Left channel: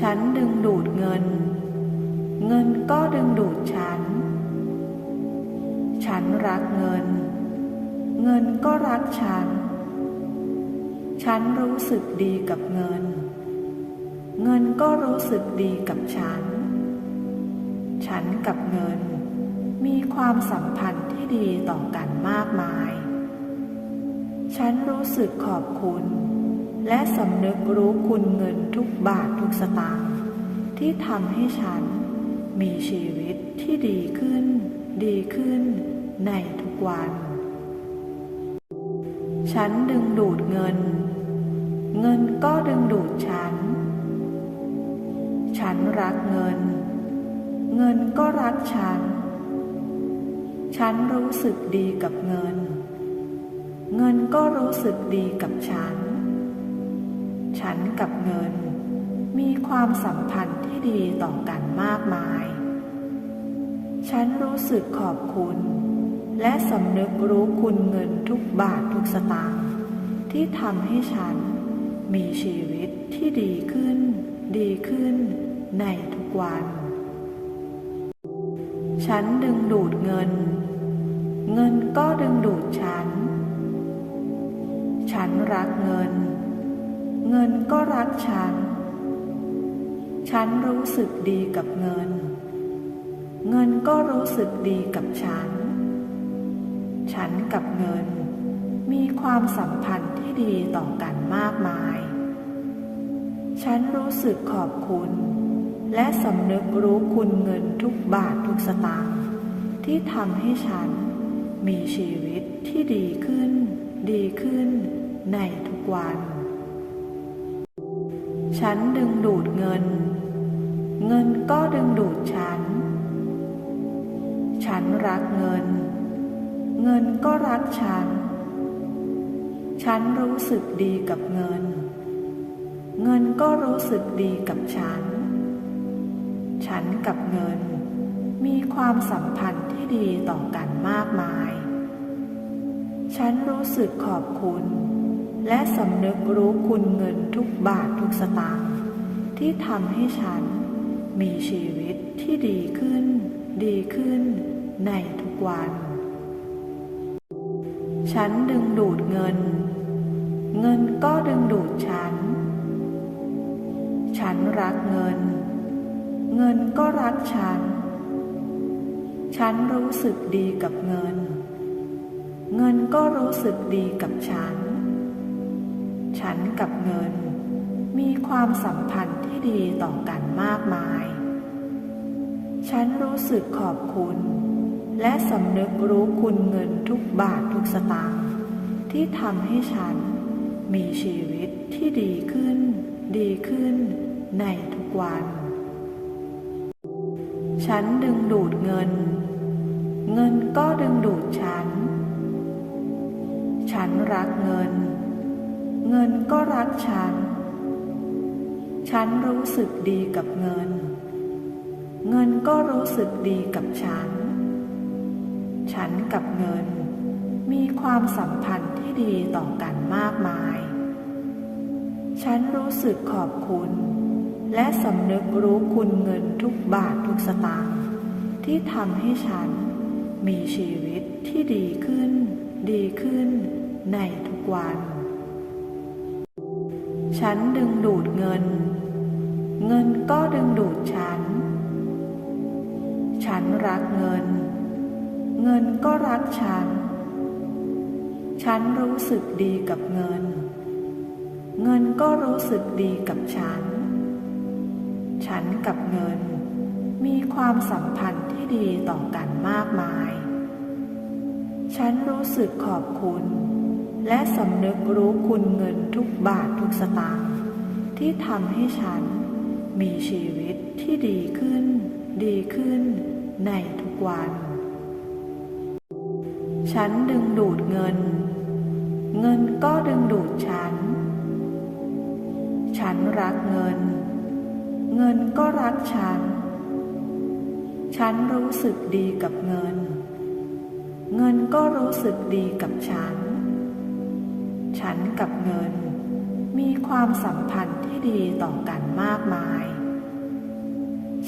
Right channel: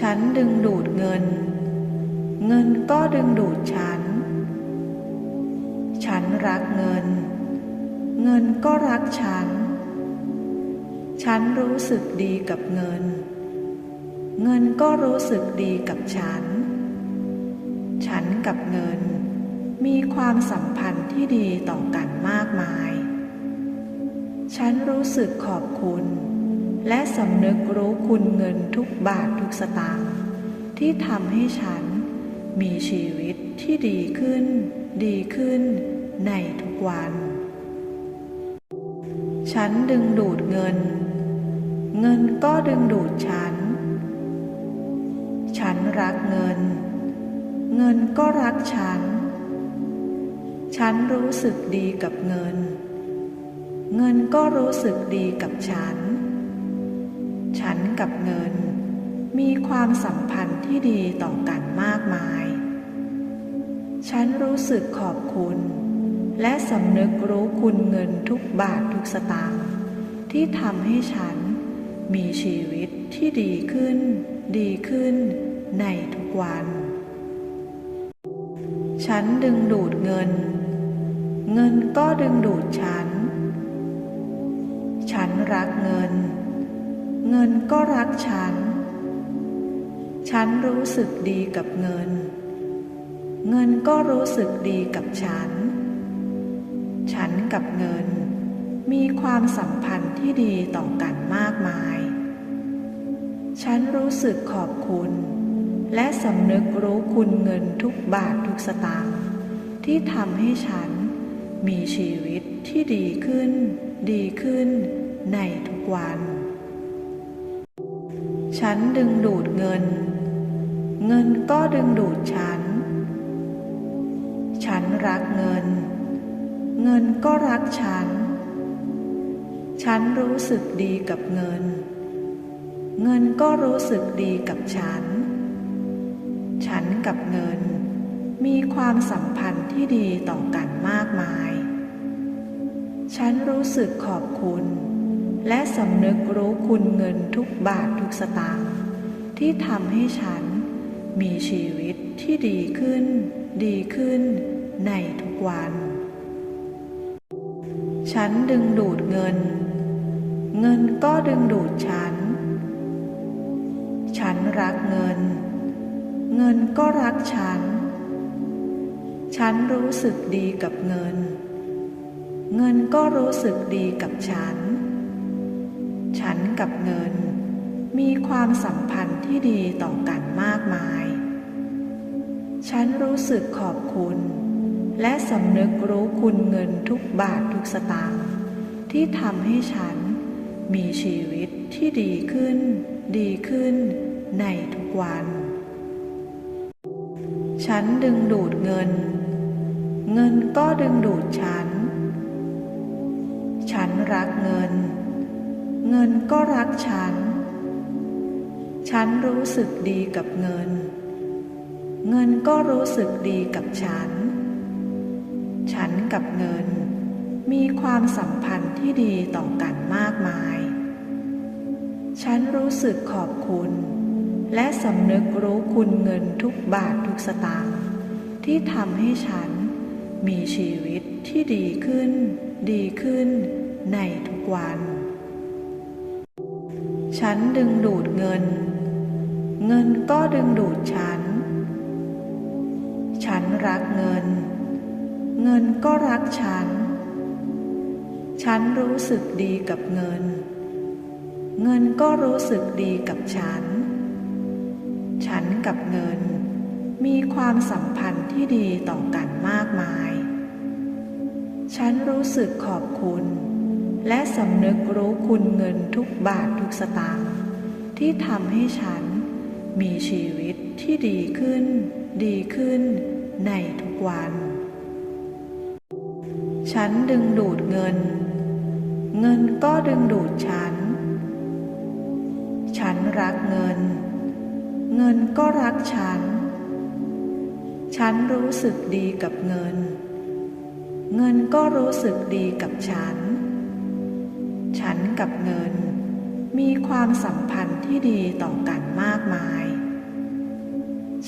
ฉันดึงดูดเงิน เงินก็ดึงดูดฉัน ฉันรักเงิน เงินก็รักฉัน ฉันรู้สึกดีกับเงิน เงินก็รู้สึกดีกับฉัน ฉันกับเงิน มีความสัมพันธ์ที่ดีต่อกันมากมาย ฉันรู้สึกขอบคุณ และสำนึกรู้คุณเงินทุกบาททุกสตางค์ที่ทำให้ฉันมีชีวิตที่ดีขึ้น ดีขึ้นในทุกวัน ฉันดึงดูดเงิน เงินก็ดึงดูดฉัน ฉันรักเงิน เงินก็รักฉัน ฉันรู้สึกดีกับเงิน เงินก็รู้สึกดีกับฉัน ฉันกับเงิน มีความสัมพันธ์ที่ดีต่อกันมากมาย ฉันรู้สึกขอบคุณ และสำนึกรู้คุณเงินทุกบาททุกสตางค์ที่ทำให้ฉันมีชีวิตที่ดีขึ้น ดีขึ้นในทุกวัน ฉันดึงดูดเงิน เงินก็ดึงดูดฉัน ฉันรักเงิน เงินก็รักฉัน ฉันรู้สึกดีกับเงิน เงินก็รู้สึกดีกับฉัน ฉันกับเงิน มีความสัมพันธ์ที่ดีต่อกันมากมาย ฉันรู้สึกขอบคุณ และสำนึกรู้คุณเงินทุกบาททุกสตางค์ที่ทำให้ฉันมีชีวิตที่ดีขึ้น ดีขึ้นในทุกวัน ฉันดึงดูดเงิน เงินก็ดึงดูดฉัน ฉันรักเงิน เงินก็รักฉัน ฉันรู้สึกดีกับเงิน เงินก็รู้สึกดีกับฉัน ฉันกับเงิน มีความสัมพันธ์ที่ดีต่อกันมากมาย ฉันรู้สึกขอบคุณ และสำนึกรู้คุณเงินทุกบาททุกสตางค์ที่ทำให้ฉันมีชีวิตที่ดีขึ้น ดีขึ้นในทุกวัน ฉันดึงดูดเงิน เงินก็ดึงดูดฉัน ฉันรักเงิน เงินก็รักฉัน ฉันรู้สึกดีกับเงิน เงินก็รู้สึกดีกับฉัน ฉันกับเงิน มีความสัมพันธ์ที่ดีต่อกันมากมาย ฉันรู้สึกขอบคุณ และสำนึกรู้คุณเงินทุกบาททุกสตางค์ที่ทำให้ฉันมีชีวิตที่ดีขึ้น ดีขึ้นในทุกวัน ฉันดึงดูดเงิน เงินก็ดึงดูดฉัน ฉันรักเงิน เงินก็รักฉัน ฉันรู้สึกดีกับเงิน เงินก็รู้สึกดีกับฉัน ฉันกับเงิน มีความสัมพันธ์ที่ดีต่อกันมากมาย ฉันรู้สึกขอบคุณ และสำนึกรู้คุณเงินทุกบาททุกสตางค์ที่ทำให้ฉันมีชีวิตที่ดีขึ้น ดีขึ้นในทุกวัน ฉันดึงดูดเงิน เงินก็ดึงดูดฉัน ฉันรักเงิน เงินก็รักฉัน ฉันรู้สึกดีกับเงิน เงินก็รู้สึกดีกับฉัน ฉันกับเงิน มีความสัมพันธ์ที่ดีต่อกันมากมาย ฉันรู้สึกขอบคุณ และสำนึกรู้คุณเงินทุกบาททุกสตางค์ที่ทำให้ฉันมีชีวิตที่ดีขึ้น ดีขึ้นในทุกวัน ฉันดึงดูดเงิน เงินก็ดึงดูดฉัน ฉันรักเงิน เงินก็รักฉัน ฉันรู้สึกดีกับเงิน เงินก็รู้สึกดีกับฉัน ฉันกับเงิน มีความสัมพันธ์ที่ดีต่อกันมากมาย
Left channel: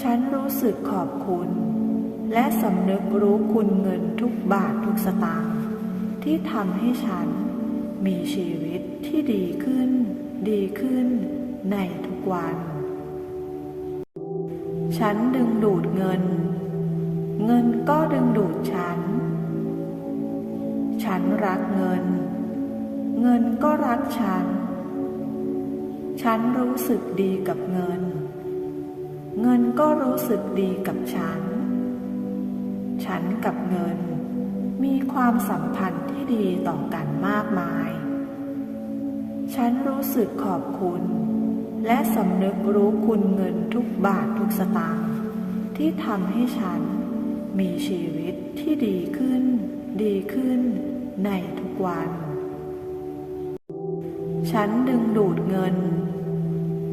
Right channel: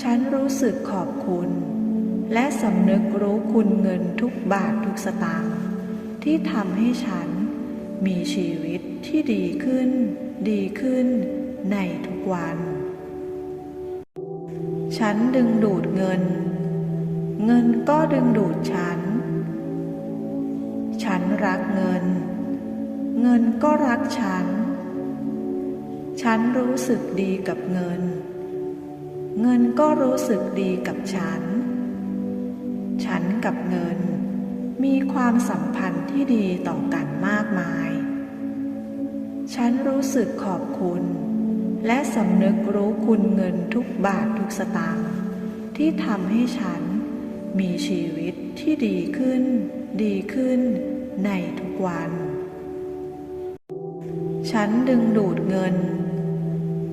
ฉันรู้สึกขอบคุณ และสำนึกรู้คุณเงินทุกบาททุกสตางค์ที่ทำให้ฉันมีชีวิตที่ดีขึ้น ดีขึ้นในทุกวัน ฉันดึงดูดเงิน เงินก็ดึงดูดฉัน ฉันรักเงิน เงินก็รักฉัน ฉันรู้สึกดีกับเงิน เงินก็รู้สึกดีกับฉัน ฉันกับเงิน มีความสัมพันธ์ที่ดีต่อกันมากมาย ฉันรู้สึกขอบคุณ และสำนึกรู้คุณเงินทุกบาททุกสตางค์ที่ทำให้ฉันมีชีวิตที่ดีขึ้น ดีขึ้นในทุกวัน ฉันดึงดูดเงิน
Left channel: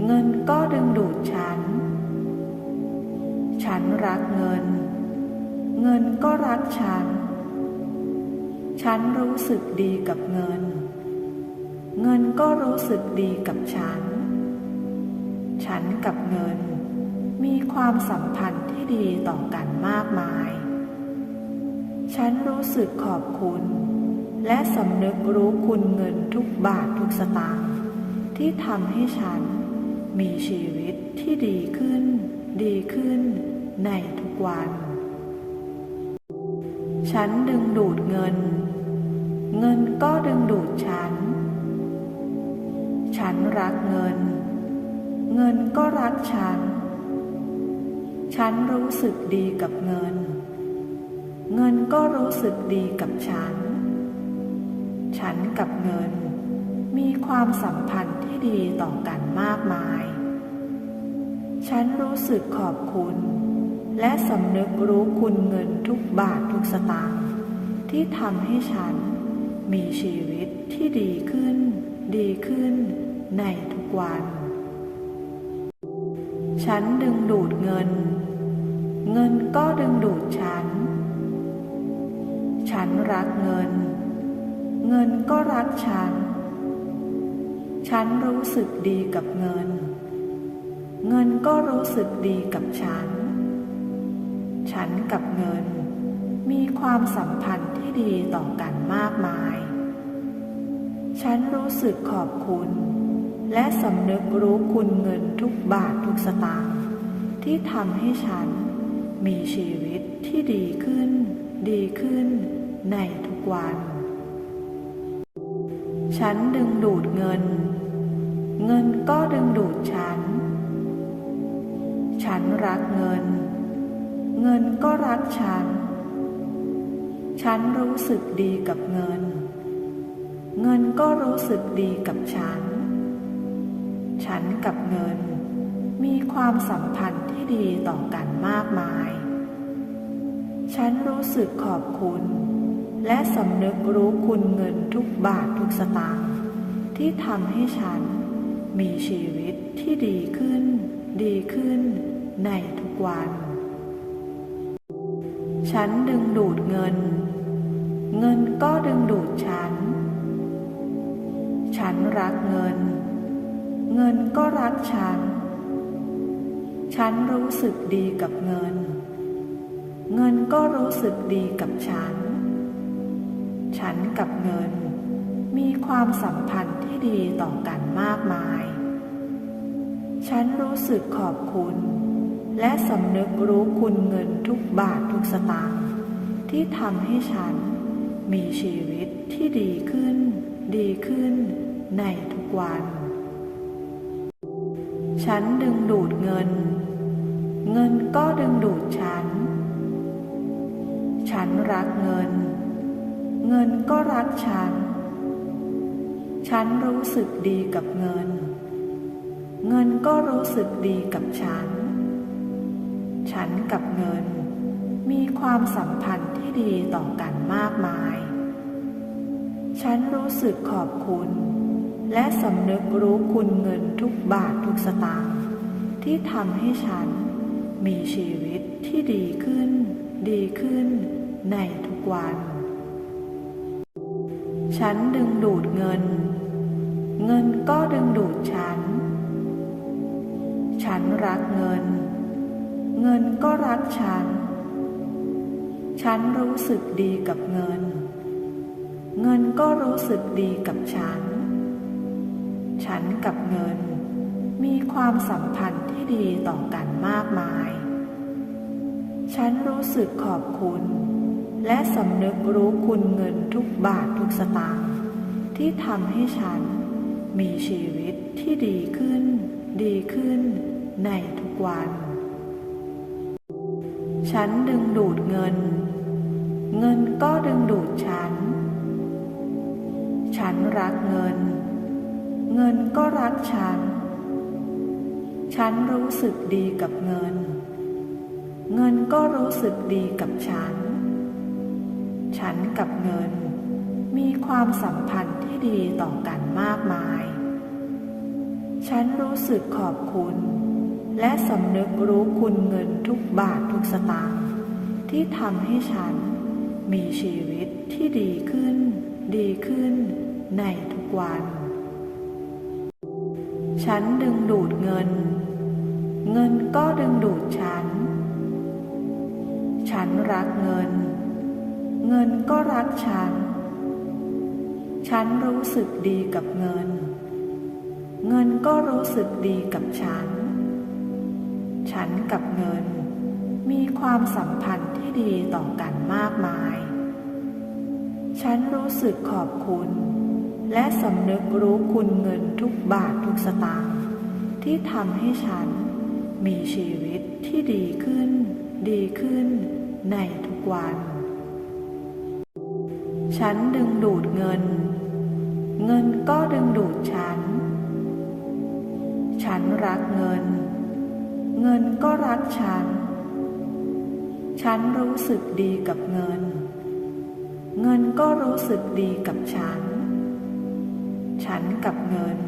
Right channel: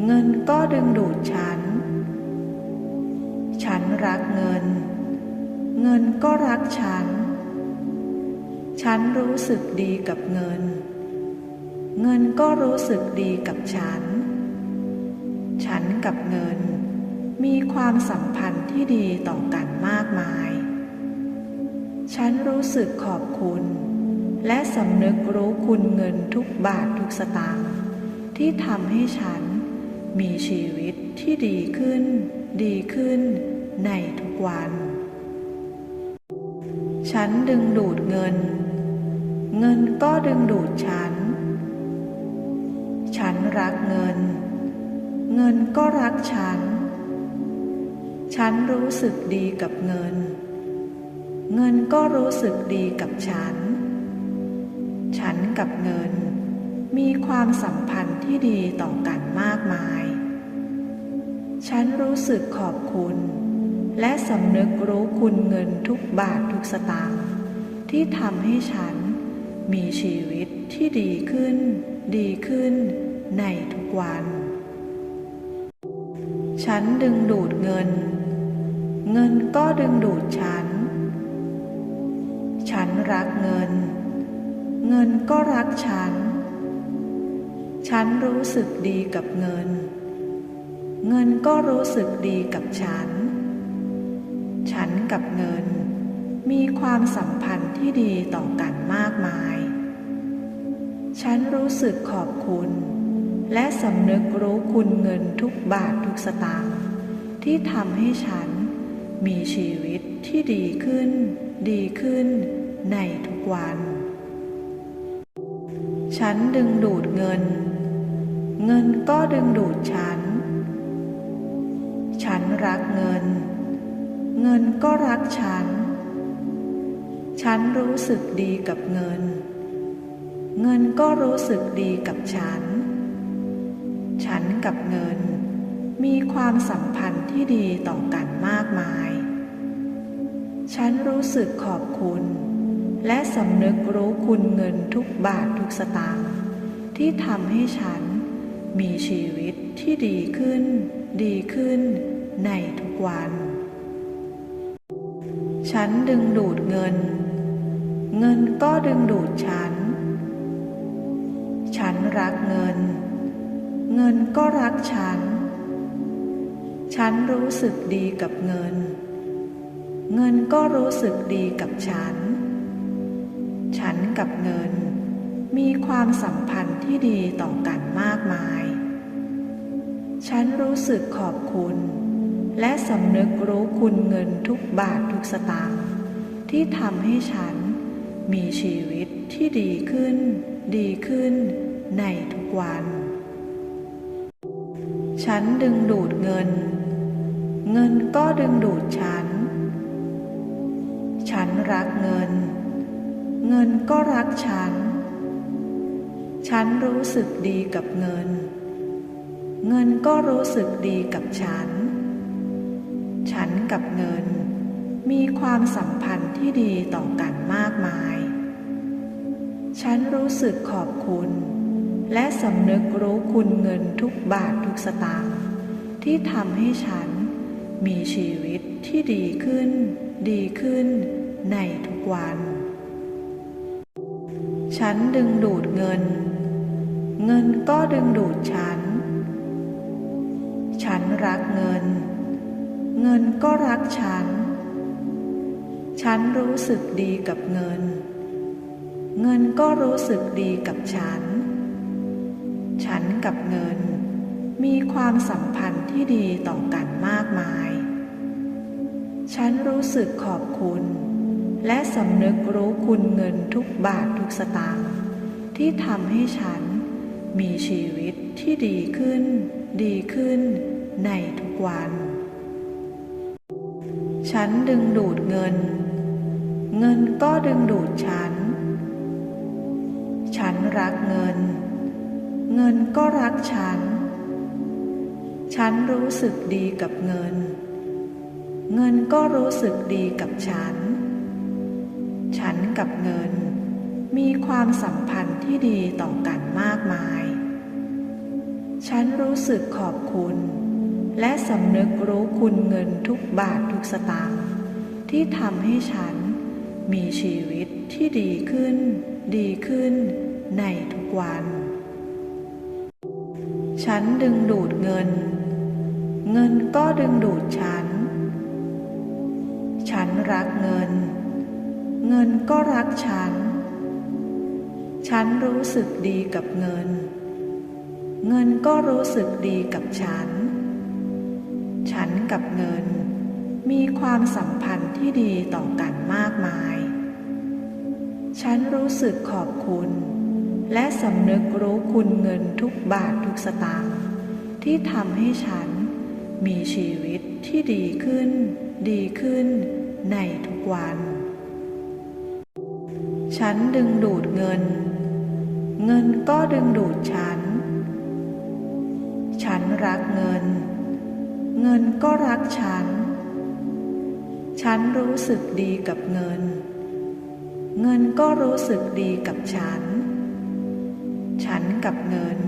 เงินก็ดึงดูดฉัน ฉันรักเงิน เงินก็รักฉัน ฉันรู้สึกดีกับเงิน เงินก็รู้สึกดีกับฉัน ฉันกับเงิน มีความสัมพันธ์ที่ดีต่อกันมากมาย ฉันรู้สึกขอบคุณ และสำนึกรู้คุณเงินทุกบาททุกสตางค์ที่ทำให้ฉันมีชีวิตที่ดีขึ้น ดีขึ้นในทุกวัน ฉันดึงดูดเงิน เงินก็ดึงดูดฉัน ฉันรักเงิน เงินก็รักฉัน ฉันรู้สึกดีกับเงิน เงินก็รู้สึกดีกับฉัน นกับเงิน มีความสัมพันธ์ที่ดีต่อกันมากมาย ฉันรู้สึกขอบคุณ และสำนึกรู้คุณเงินทุกบาททุกสตางค์ที่ทำให้ฉันมีชีวิตที่ดีขึ้น ดีขึ้นในทุกวัน ฉันดึงดูดเงิน เงินก็ดึงดูดฉัน ฉันรักเงิน เงินก็รักฉัน ฉันรู้สึกดีกับเงิน เงินก็รู้สึกดีกับฉัน ฉันกับเงิน มีความสัมพันธ์ที่ดีต่อกันมากมาย ฉันรู้สึกขอบคุณ และสำนึกรู้คุณเงินทุกบาททุกสตางค์ที่ทำให้ฉันมีชีวิตที่ดีขึ้น ดีขึ้นในทุกวัน ฉันดึงดูดเงิน เงินก็ดึงดูดฉัน ฉันรักเงิน เงินก็รักฉัน ฉันรู้สึกดีกับเงิน เงินก็รู้สึกดีกับฉัน ฉันกับเงิน มีความสัมพันธ์ที่ดีต่อกันมากมาย ฉันรู้สึกขอบคุณ และสำนึกรู้คุณเงินทุกบาททุกสตางค์ที่ทำให้ฉันมีชีวิตที่ดีขึ้น ดีขึ้นในทุกวัน ฉันดึงดูดเงิน เงินก็ดึงดูดฉัน ฉันรักเงิน เงินก็รักฉัน ฉันรู้สึกดีกับเงิน เงินก็รู้สึกดีกับฉัน ฉันกับเงิน มีความสัมพันธ์ที่ดีต่อกันมากมาย ฉันรู้สึกขอบคุณ และสำนึกรู้คุณเงินทุกบาททุกสตางค์ที่ทำให้ฉันมีชีวิตที่ดีขึ้น ดีขึ้นในทุกวัน ฉันดึงดูดเงิน เงินก็ดึงดูดฉัน ฉันรักเงิน เงินก็รักฉัน ฉันรู้สึกดีกับเงิน เงินก็รู้สึกดีกับฉัน ฉันกับเงิน มีความสัมพันธ์ที่ดีต่อกันมากมาย ฉันรู้สึกขอบคุณ และสำนึกรู้คุณเงินทุกบาททุกสตางค์ที่ทำให้ฉันมีชีวิตที่ดีขึ้น ดีขึ้นในทุกวัน ฉันดึงดูดเงิน เงินก็ดึงดูดฉัน ฉันรักเงิน เงินก็รักฉัน ฉันรู้สึกดีกับเงิน เงินก็รู้สึกดีกับฉัน ฉันกับเงิน มีความสัมพันธ์ที่ดีต่อกันมากมาย ฉันรู้สึกขอบคุณ และสำนึกรู้คุณเงินทุกบาททุกสตางค์ที่ทำให้ฉันมีชีวิตที่ดีขึ้น ดีขึ้นในทุกวัน ฉันดึงดูดเงิน เงินก็ดึงดูดฉัน ฉันรักเงิน เงินก็รักฉัน ฉันรู้สึกดีกับเงิน เงินก็รู้สึกดีกับฉัน ฉันกับเงิน มีความสัมพันธ์ที่ดีต่อกันมากมาย ฉันรู้สึกขอบคุณ และสำนึกรู้คุณเงินทุกบาททุกสตางค์ที่ทำให้ฉันมีชีวิตที่ดีขึ้น ดีขึ้นในทุกวัน ฉันดึงดูดเงิน เงินก็ดึงดูดฉัน ฉันรักเงิน เงินก็รักฉัน ฉันรู้สึกดีกับเงิน เงินก็รู้สึกดีกับฉัน ฉันกับเงิน มีความสัมพันธ์ที่ดีต่อกันมากมาย ฉันรู้สึกขอบคุณ และสำนึกรู้คุณเงินทุกบาททุกสตางค์ที่ทำให้ฉันมีชีวิตที่ดีขึ้น ดีขึ้นในทุกวัน ฉันดึงดูดเงิน เงินก็ดึงดูดฉัน ฉันรักเงิน เงินก็รักฉัน ฉันรู้สึกดีกับเงิน เงินก็รู้สึกดีกับฉัน ฉันกับเงิน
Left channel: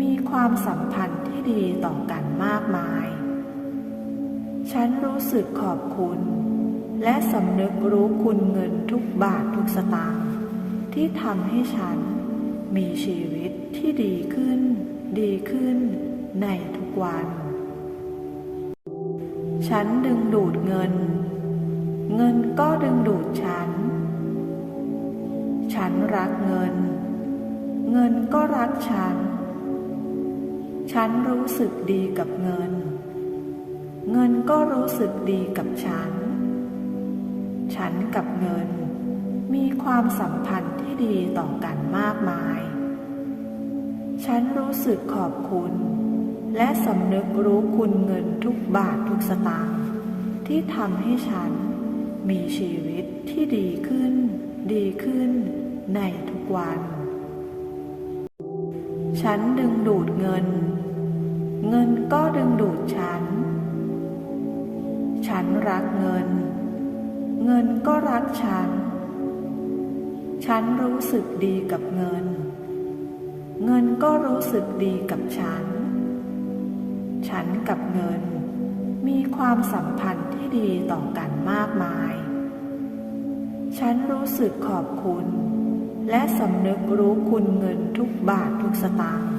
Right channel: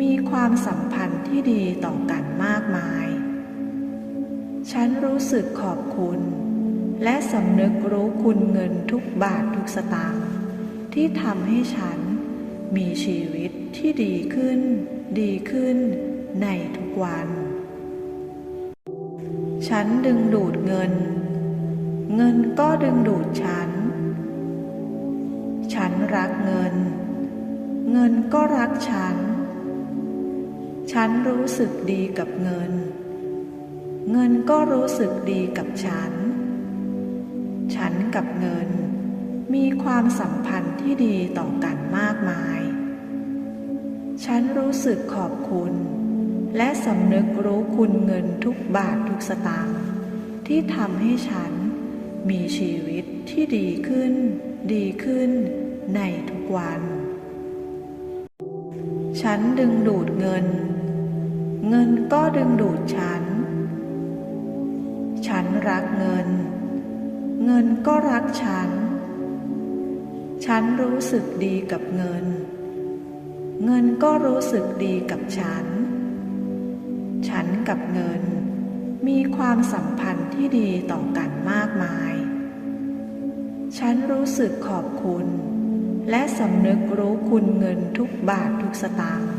มีความสัมพันธ์ที่ดีต่อกันมากมาย ฉันรู้สึกขอบคุณ และสำนึกรู้คุณเงินทุกบาททุกสตางค์ที่ทำให้ฉันมีชีวิตที่ดีขึ้น ดีขึ้นในทุกวัน ฉันดึงดูดเงิน เงินก็ดึงดูดฉัน ฉันรักเงิน เงินก็รักฉัน ฉันรู้สึกดีกับเงิน เงินก็รู้สึกดีกับฉัน ฉันกับเงิน มีความสัมพันธ์ที่ดีต่อกันมากมาย ฉันรู้สึกขอบคุณ และสำนึกรู้คุณเงินทุกบาททุกสตางค์ที่ทำให้ฉันมีชีวิตที่ดีขึ้น ดีขึ้นในทุกวัน ฉันดึงดูดเงิน เงินก็ดึงดูดฉัน ฉันรักเงิน เงินก็รักฉัน ฉันรู้สึกดีกับเงิน เงินก็รู้สึกดีกับฉัน ฉันกับเงิน มีความสัมพันธ์ที่ดีต่อกันมากมาย ฉันรู้สึกขอบคุณ และสำนึกรู้คุณเงินทุกบาททุกสตางค์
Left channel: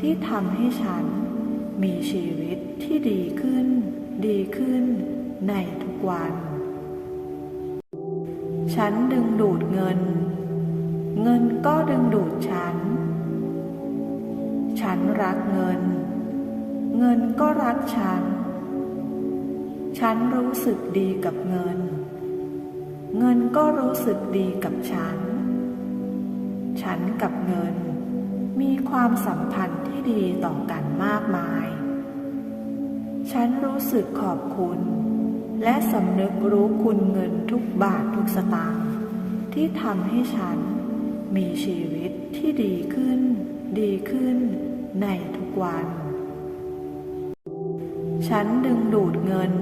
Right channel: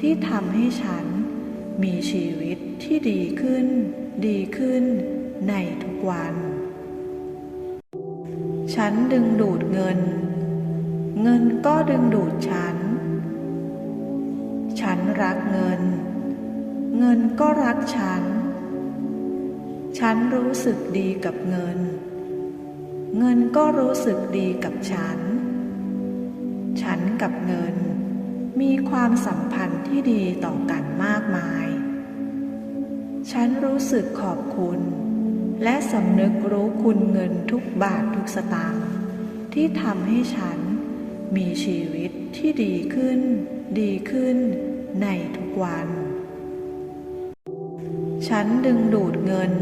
ที่ทำให้ฉันมีชีวิตที่ดีขึ้น ดีขึ้นในทุกวัน ฉันดึงดูดเงิน เงินก็ดึงดูดฉัน ฉันรักเงิน เงินก็รักฉัน ฉันรู้สึกดีกับเงิน เงินก็รู้สึกดีกับฉัน ฉันกับเงิน มีความสัมพันธ์ที่ดีต่อกันมากมาย ฉันรู้สึกขอบคุณ และสำนึกรู้คุณเงินทุกบาททุกสตางค์ที่ทำให้ฉันมีชีวิตที่ดีขึ้น ดีขึ้นในทุกวัน ฉันดึงดูดเงิน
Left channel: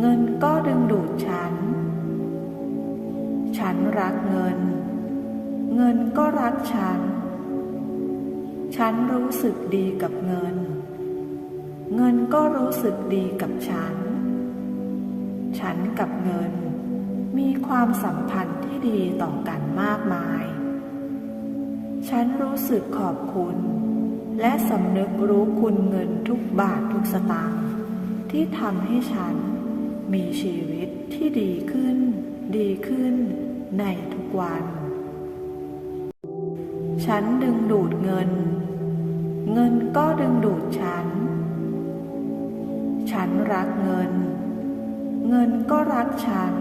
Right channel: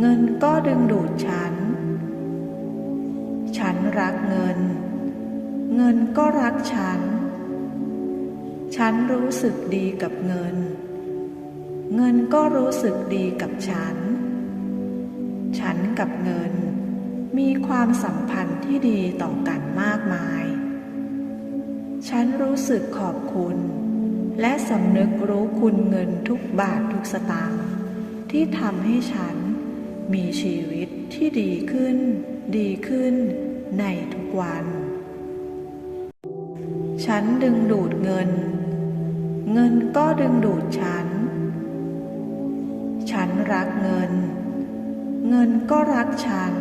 เงินก็ดึงดูดฉัน ฉันรักเงิน เงินก็รักฉัน ฉันรู้สึกดีกับเงิน เงินก็รู้สึกดีกับฉันฉัน กับเงิน มีความสัมพันธ์ที่ดีต่อกันมากมาย ฉันรู้สึกขอบคุณ และสำนึกรู้คุณเงินทุกบาททุกสตางค์ที่ทำให้ฉันมีชีวิตที่ดีขึ้น ดีขึ้นในทุกวัน ฉันดึงดูดเงิน เงินก็ดึงดูดฉัน ฉันรักเงิน เงินก็รักฉัน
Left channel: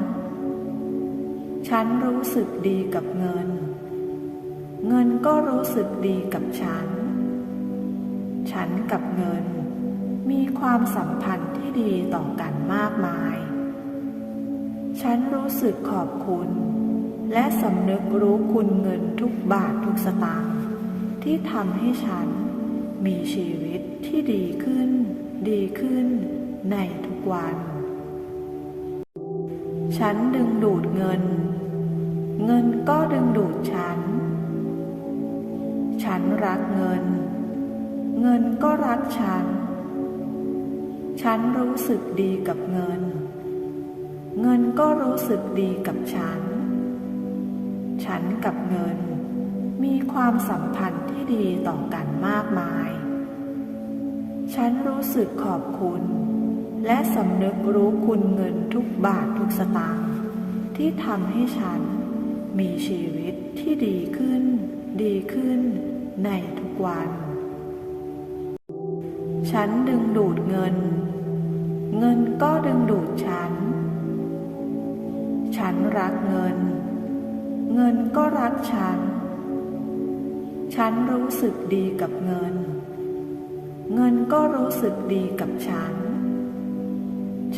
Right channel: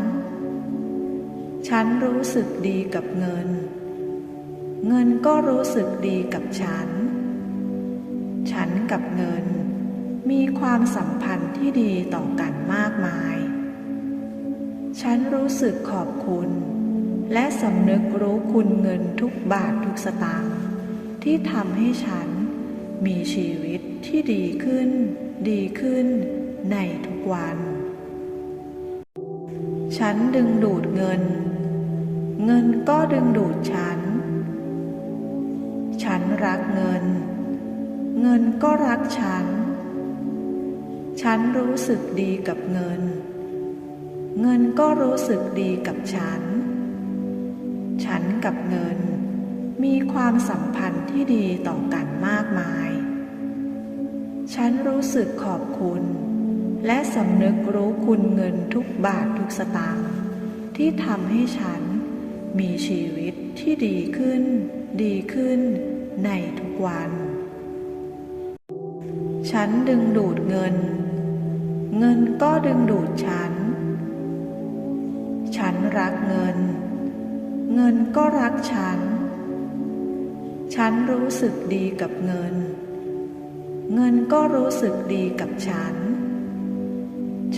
ฉันรู้สึกดีกับเงิน เงินก็รู้สึกดีกับฉัน ฉันกับเงิน มีความสัมพันธ์ที่ดีต่อกันมากมาย ฉันรู้สึกขอบคุณ และสำนึกรู้คุณเงินทุกบาททุกสตางค์ที่ทำให้ฉันมีชีวิตที่ดีขึ้น ดีขึ้นในทุกวัน ฉันดึงดูดเงิน เงินก็ดึงดูดฉัน ฉันรักเงิน เงินก็รักฉัน ฉันรู้สึกดีกับเงิน เงินก็รู้สึกดีกับฉัน ฉันกับเงิน มีความสัมพันธ์ที่ดีต่อกันมากมาย ฉันรู้สึกขอบคุณ และสำนึกรู้คุณเงินทุกบาททุกสตางค์ที่ทำให้ฉันมีชีวิตที่ดีขึ้น ดีขึ้นในทุกวัน ฉันดึงดูดเงิน เงินก็ดึงดูดฉัน ฉันรักเงิน เงินก็รักฉัน ฉันรู้สึกดีกับเงิน เงินก็รู้สึกดีกับฉัน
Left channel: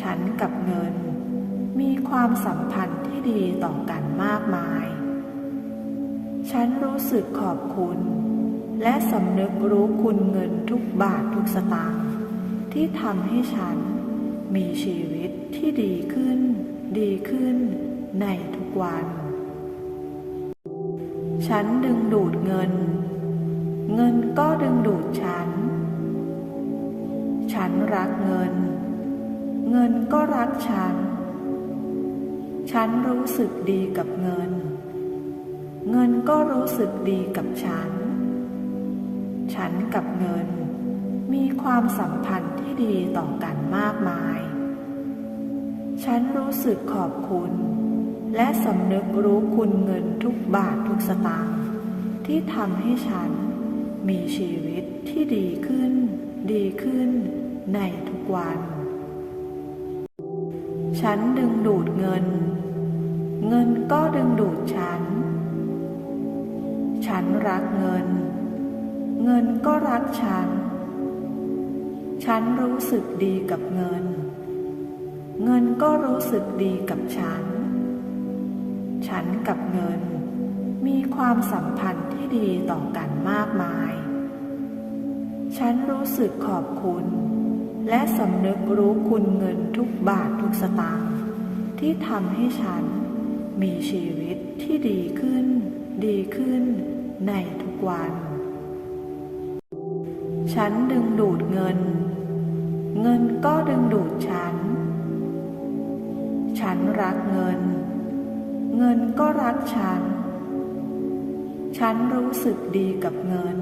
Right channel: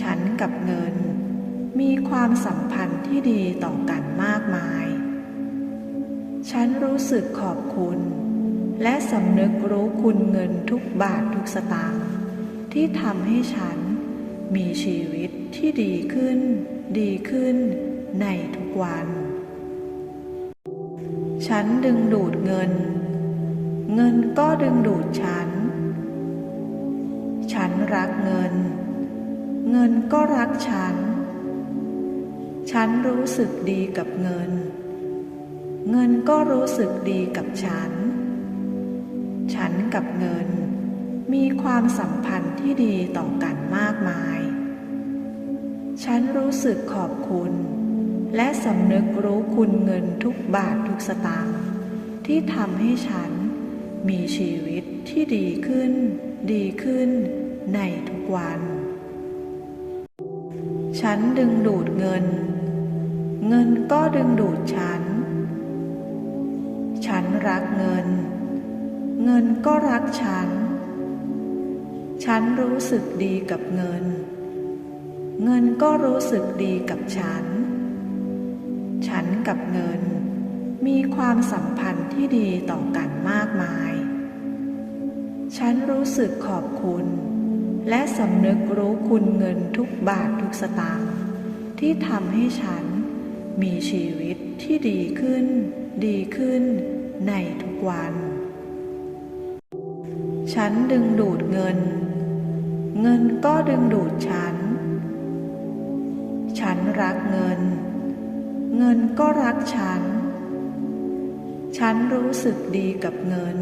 ฉันกับเงิน มีความสัมพันธ์ที่ดีต่อกันมากมาย ฉันรู้สึกขอบคุณ และสำนึกรู้คุณเงินทุกบาททุกสตางค์ที่ทำให้ฉันมีชีวิตที่ดีขึ้น ดีขึ้นในทุกวัน ฉันดึงดูดเงิน เงินก็ดึงดูดฉัน ฉันรักเงิน เงินก็รักฉัน ฉันรู้สึกดีกับเงิน เงินก็รู้สึกดีกับฉัน ฉันกับเงิน มีความสัมพันธ์ที่ดีต่อกันมากมาย ฉันรู้สึกขอบคุณ และสำนึกรู้คุณเงินทุกบาททุกสตางค์ที่ทำให้ฉันมีชีวิตที่ดีขึ้น ดีขึ้นในทุกวัน ฉันดึงดูดเงิน เงินก็ดึงดูดฉัน ฉันรักเงิน เงินก็รักฉัน ฉันรู้สึกดีกับเงิน เงินก็รู้สึกดีกับฉัน ฉันกับเงิน มีความสัมพันธ์ที่ดีต่อกันมากมาย ฉันรู้สึกขอบคุณ และสำนึกรู้คุณเงินทุกบาททุกสตางค์ที่ทำให้ฉันมีชีวิตที่ดีขึ้น ดีขึ้นในทุกวัน ฉันดึงดูดเงิน เงินก็ดึงดูดฉัน ฉันรักเงิน เงินก็รักฉัน ฉันรู้สึกดีกับเงิน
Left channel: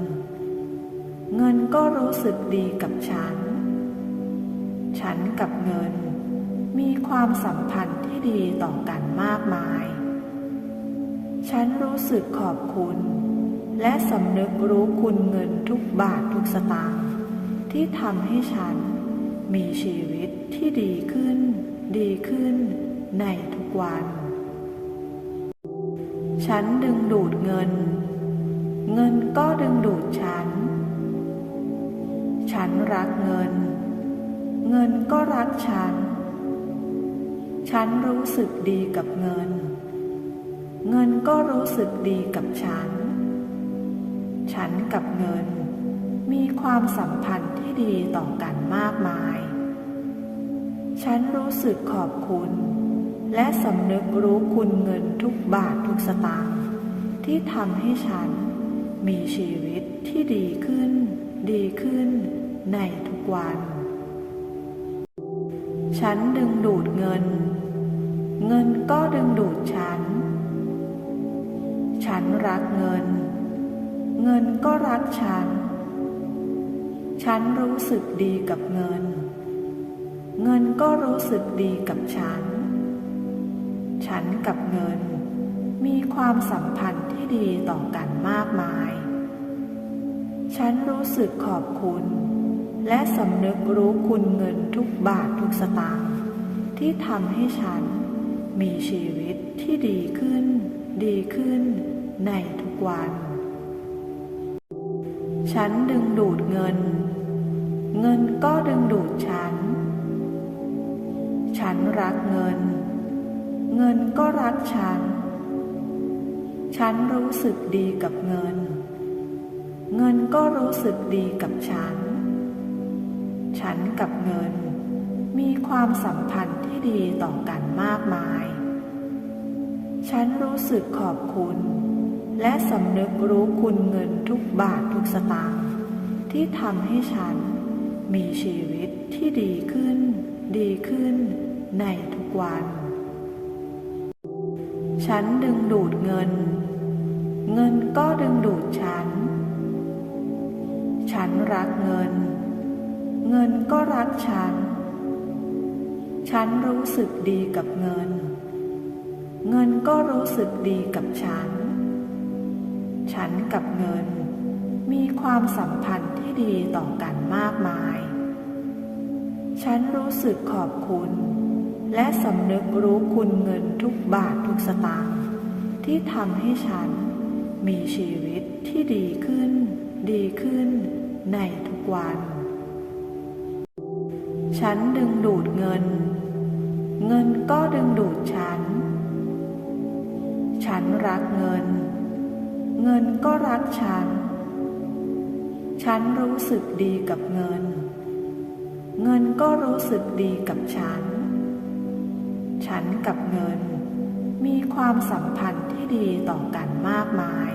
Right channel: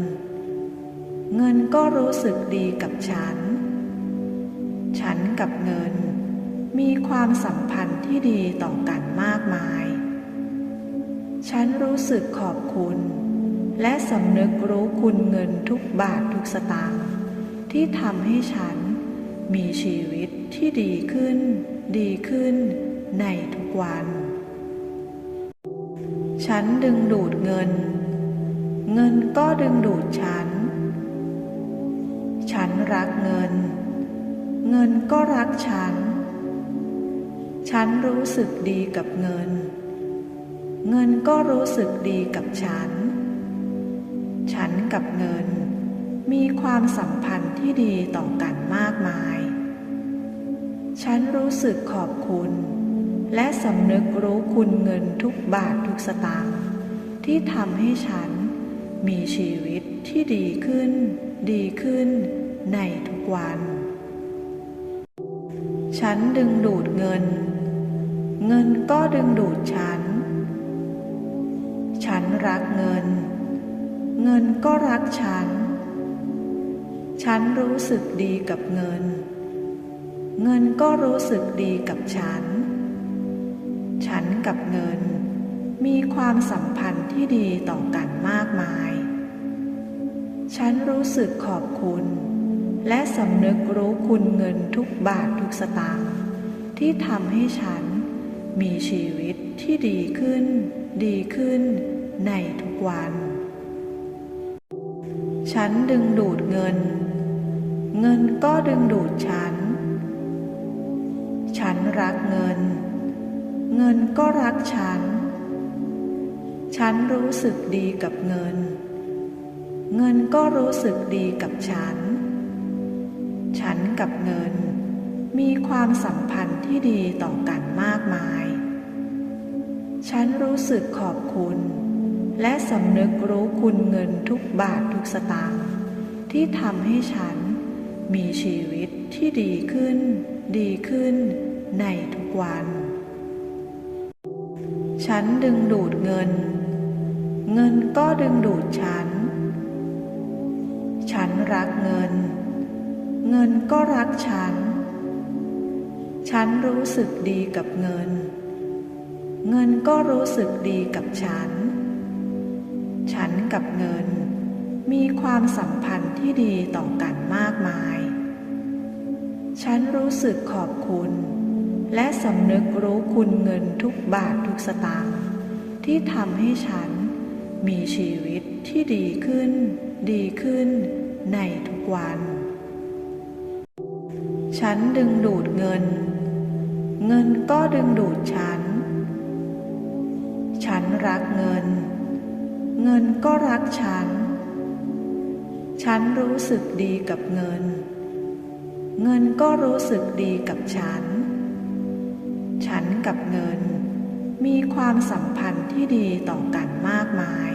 เงินก็รู้สึกดีกับฉัน ฉันกับเงิน มีความสัมพันธ์ที่ดีต่อกันมากมาย ฉันรู้สึกขอบคุณ และสำนึกรู้คุณเงินทุกบาททุกสตางค์ที่ทำให้ฉันมีชีวิตที่ดีขึ้น ดีขึ้นในทุกวัน ฉันดึงดูดเงิน เงินก็ดึงดูดฉัน ฉันรักเงิน เงินก็รักฉัน ฉันรู้สึกดีกับเงิน เงินก็รู้สึกดีกับฉัน ฉันกับเงิน มีความสัมพันธ์ที่ดีต่อกันมากมาย ฉันรู้สึกขอบคุณ และสำนึกรู้คุณเงินทุกบาททุกสตางค์ที่ทำให้ฉันมีชีวิตที่ดีขึ้น ดีขึ้นในทุกวัน ฉันดึงดูดเงิน เงินก็ดึงดูดฉัน ฉันรักเงิน เงินก็รักฉัน ฉันรู้สึกดีกับเงิน เงินก็รู้สึกดีกับฉัน ฉันกับเงิน มีความสัมพันธ์ที่ดีต่อกันมากมาย ฉันรู้สึกขอบคุณ และสำนึกรู้คุณเงินทุกบาททุกสตางค์ที่ทำให้ฉันมีชีวิตที่ดีขึ้น ดีขึ้นในทุกวัน ฉันดึงดูดเงิน เงินก็ดึงดูดฉัน ฉันรักเงิน เงินก็รักฉัน ฉันรู้สึกดีกับเงิน เงินก็รู้สึกดีกับฉันฉัน กับเงิน มีความสัมพันธ์ที่ดีต่อกันมากมาย ฉันรู้สึกขอบคุณ และสำนึกรู้คุณเงินทุกบาททุกสตางค์ที่ทำให้ฉันมีชีวิตที่ดีขึ้น ดีขึ้นในทุกวัน ฉันดึงดูดเงิน เงินก็ดึงดูดฉัน ฉันรักเงิน เงินก็รักฉัน ฉันรู้สึกดีกับเงิน เงินก็รู้สึกดีกับฉัน ฉันกับเงิน มีความสัมพันธ์ที่ดีต่อกันมากมาย ฉันรู้สึกขอบคุณ และสำนึกรู้คุณเงินทุกบาททุกสตางค์ที่ทำให้ฉันมีชีวิตที่ดีขึ้น ดีขึ้นในทุกวัน ฉันดึงดูดเงิน เงินก็ดึงดูดฉัน ฉันรักเงิน เงินก็รักฉัน ฉันรู้สึกดีกับเงิน เงินก็รู้สึกดีกับฉัน ฉันกับเงิน มีความสัมพันธ์ที่ดีต่อกันมากมาย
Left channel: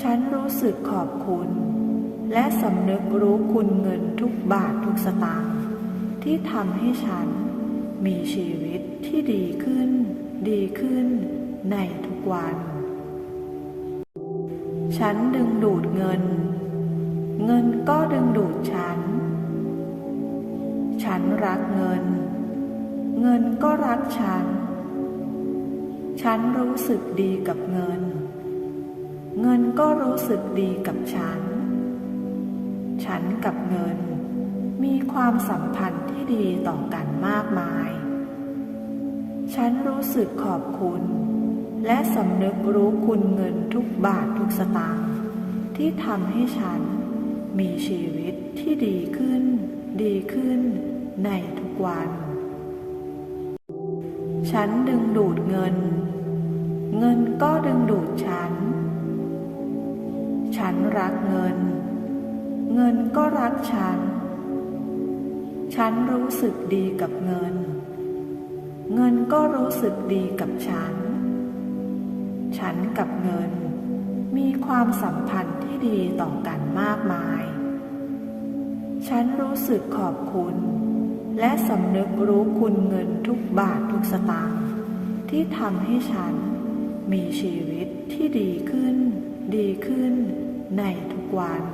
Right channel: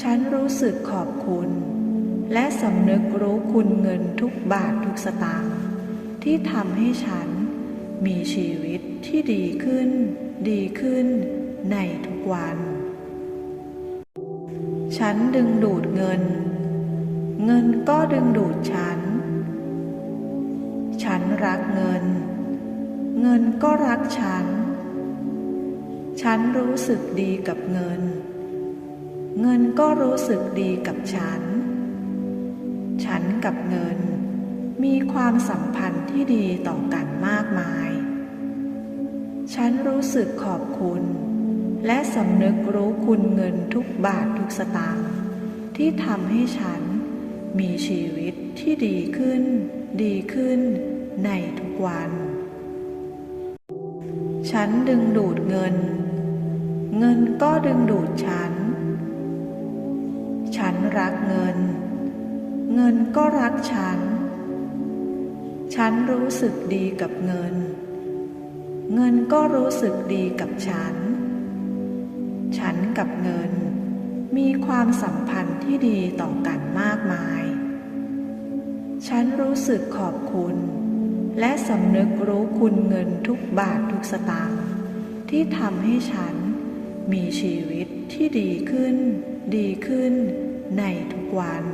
ฉันรู้สึกขอบคุณ และสำนึกรู้คุณเงินทุกบาททุกสตางค์ที่ทำให้ฉันมีชีวิตที่ดีขึ้น ดีขึ้นในทุกวัน ฉันดึงดูดเงิน เงินก็ดึงดูดฉัน ฉันรักเงิน เงินก็รักฉัน ฉันรู้สึกดีกับเงิน เงินก็รู้สึกดีกับฉัน ฉันกับเงิน มีความสัมพันธ์ที่ดีต่อกันมากมาย ฉันรู้สึกขอบคุณ และสำนึกรู้คุณเงินทุกบาททุกสตางค์ที่ทำให้ฉันมีชีวิตที่ดีขึ้น ดีขึ้นในทุกวัน ฉันดึงดูดเงิน เงินก็ดึงดูดฉัน ฉันรักเงิน เงินก็รักฉัน ฉันรู้สึกดีกับเงิน เงินก็รู้สึกดีกับฉัน ฉันกับเงิน มีความสัมพันธ์ที่ดีต่อกันมากมาย ฉันรู้สึกขอบคุณ และสำนึกรู้คุณเงินทุกบาททุกสตางค์ที่ทำให้ฉันมีชีวิตที่ดีขึ้น ดีขึ้นในทุกวัน